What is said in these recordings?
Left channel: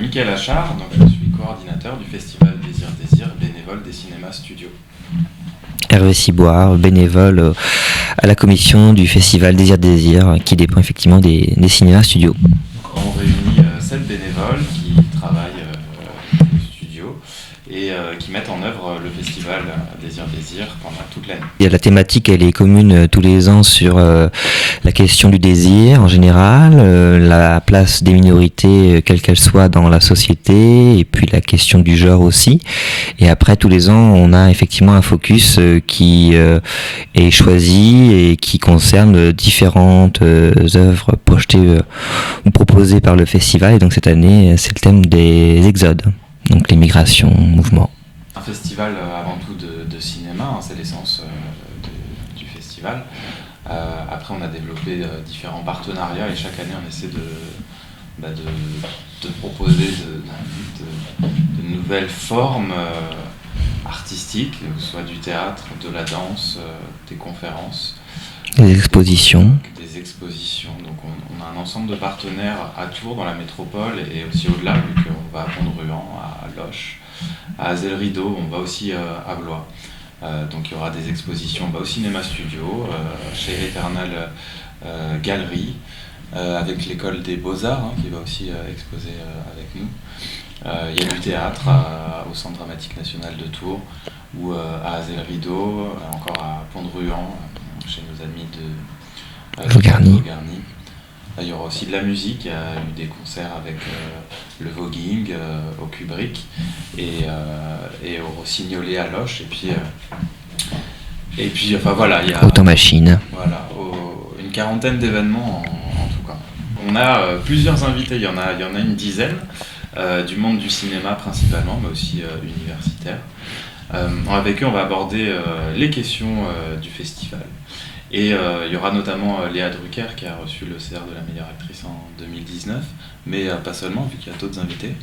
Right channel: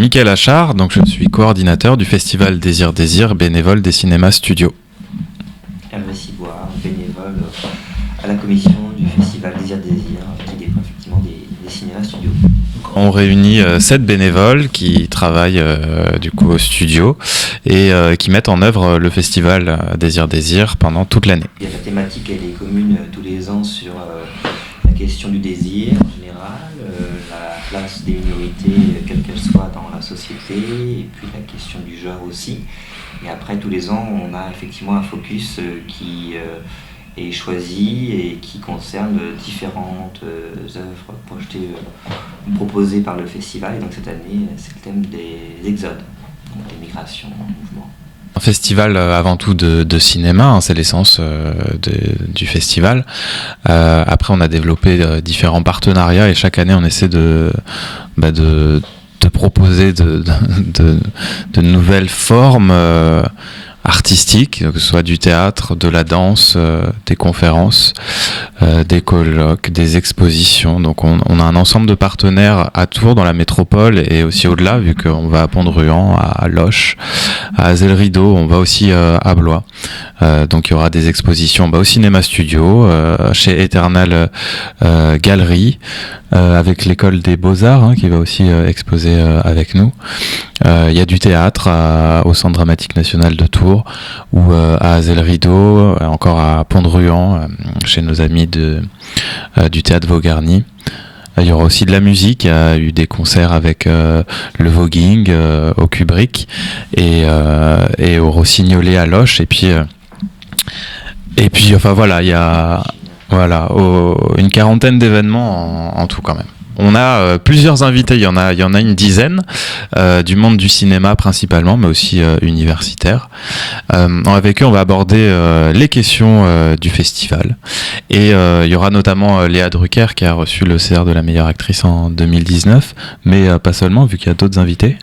Mickaël Achard, donc je suis coordinateur du festival Désir Désir, bénévole des cinémas studios. Hervé Ciboire, bénévole à la commission du festival Désir Désir, qui dépend effectivement des cinémas studios. On réunit 7 bénévoles qui travaillent du coup au studio et qui mettent en œuvre le festival Désir Désir pendant toute l'année. La thématique, elle est commune tous les ans sur la question du désir en général, la place des minorités, quelle qu'elle soit dans la société, et puis la question du genre aussi. Et après, tous les ans, on a effectivement un focus qui est choisi et qui concerne différentes œuvres projetées ou proposées par le festival. Et donc cette année, c'est le thème des exodes, donc les migrations, mouvements. Un festival avant tout de cinéma, hein, c'est l'essence du festival. Après, on a développé différents partenariats et chaque année, on essaie de proposer de nouvelles formes artistiques, que ce soit du théâtre, de la danse, des conférences, des colloques, des expositions. Donc on a un ensemble de partenaires à Tours, dans la métropole et aussi au-delà, vu qu'on va à Pont-de-Ruan, à Loches, à Azel-Rideau, on va aussi à Blois. Donc il y aura des expositions au cinéma studio, chez Eternal Galerie, avec l'école des Beaux-Arts qui va aussi exposer avec nous. Il y a du théâtre au Centre dramatique national de Tours ou à Azel-Rideau, encore à Pont-de-Ruan, chez nos amis du théâtre Vaugarny. Il y aura aussi de la musique, il y a eu des concerts avec le voguing au Kubrick et au Rossignolet à Loches, et puis enfin voilà, il y a Automachine. Voilà, une quarantaine d'événements en tout quand même. On a plusieurs invités, il y en a une dizaine, du monde du cinéma principalement, mais aussi universitaire. Avec eux, on va aborder les questions du festival. Et il y aura notamment Léa Drucker qui a reçu le CR de la meilleure actrice en 2019, mais pas seulement, vu qu'il y a d'autres invités.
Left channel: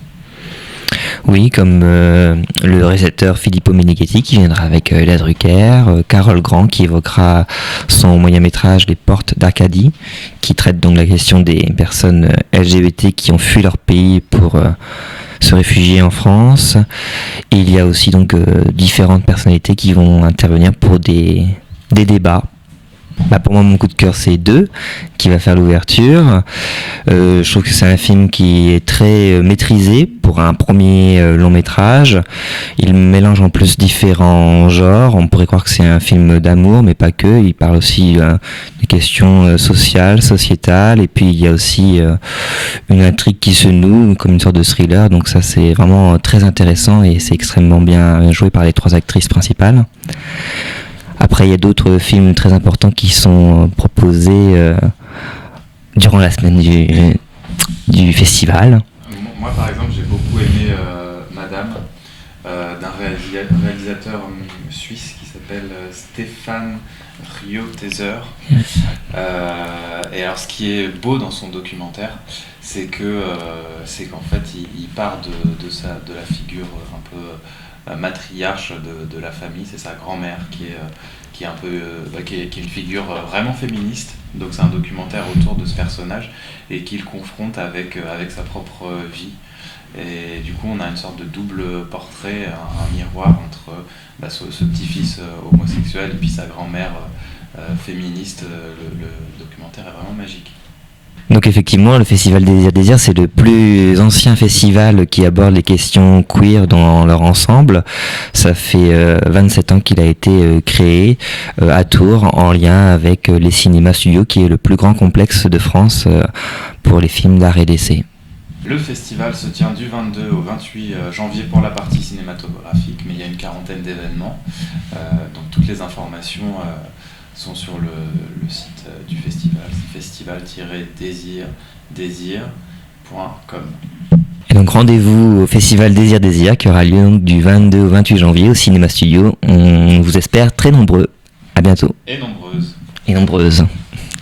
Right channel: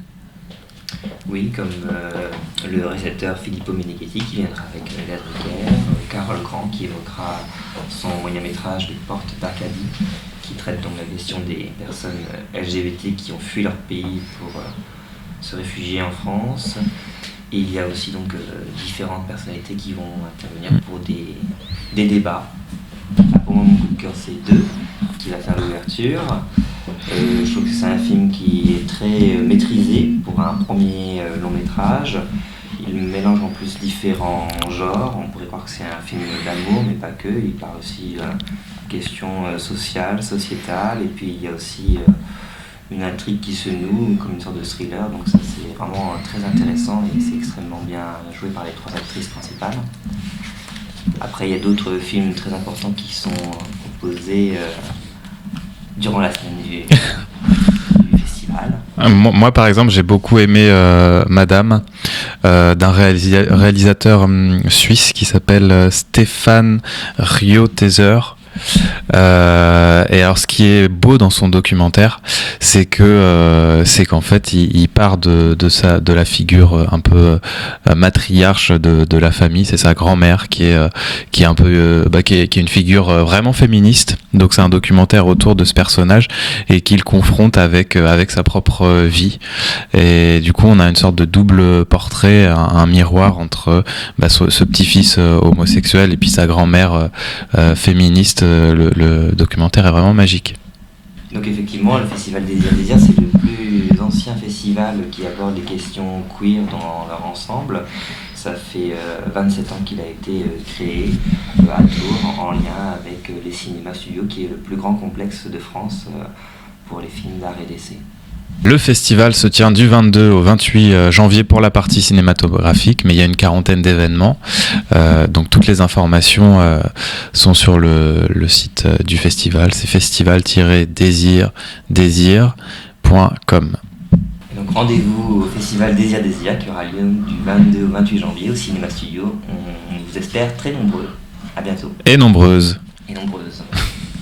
Oui, comme le réalisateur Filippo Meneghetti qui viendra avec Léa Drucker, Carole Grand qui évoquera son moyen-métrage Les Portes d'Arcadie, qui traite donc la question des personnes LGBT qui ont fui leur pays pour se réfugier en France. Et il y a aussi donc différentes personnalités qui vont intervenir pour des débats. Pour moi, mon coup de cœur, c'est 2, qui va faire l'ouverture. Je trouve que c'est un film qui est très maîtrisé pour un premier long métrage. Il mélange en plus différents genres. On pourrait croire que c'est un film d'amour, mais pas que. Il parle aussi des questions sociales, sociétales. Et puis, il y a aussi une intrigue qui se noue, comme une sorte de thriller. Donc ça, c'est vraiment très intéressant et c'est extrêmement bien joué par les 3 actrices principales. Après, il y a d'autres films très importants qui sont proposés durant la semaine du festival. Moi, par exemple, j'ai beaucoup aimé Madame, d'un réalisateur suisse qui s'appelle Stéphane Rioteser. Et alors, ce qui est beau dans son documentaire, c'est qu'en fait, il part de la figure un peu matriarche de la famille. C'est sa grand-mère qui est un peu qui est une figure vraiment féministe. Donc, c'est un documentaire autour de ce personnage et qu'il confronte avec sa propre vie. Et du coup, on a une sorte de double portrait, un miroir entre ce petit-fils homosexuel et puis sa grand-mère féministe. Le documentaire est vraiment magique. Donc effectivement, le Festival Désir Désir, c'est le plus ancien festival qui aborde les questions queer dans leur ensemble. Ça fait 27 ans qu'il a été créé à Tours, en lien avec les cinémas studios, qui est le plus grand complexe de France pour les films d'art et d'essai. Le festival se tient du 22 au 28 janvier pour la partie cinématographique, mais il y a une quarantaine d'événements. Donc toutes les informations sont sur le site du festival. C'est festival-désir.com. Et donc rendez-vous au Festival Désir Désir qui aura lieu donc du 22 au 28 janvier au Cinéma Studio. On vous espère très nombreux. À bientôt. Et nombreuses. Et nombreuses.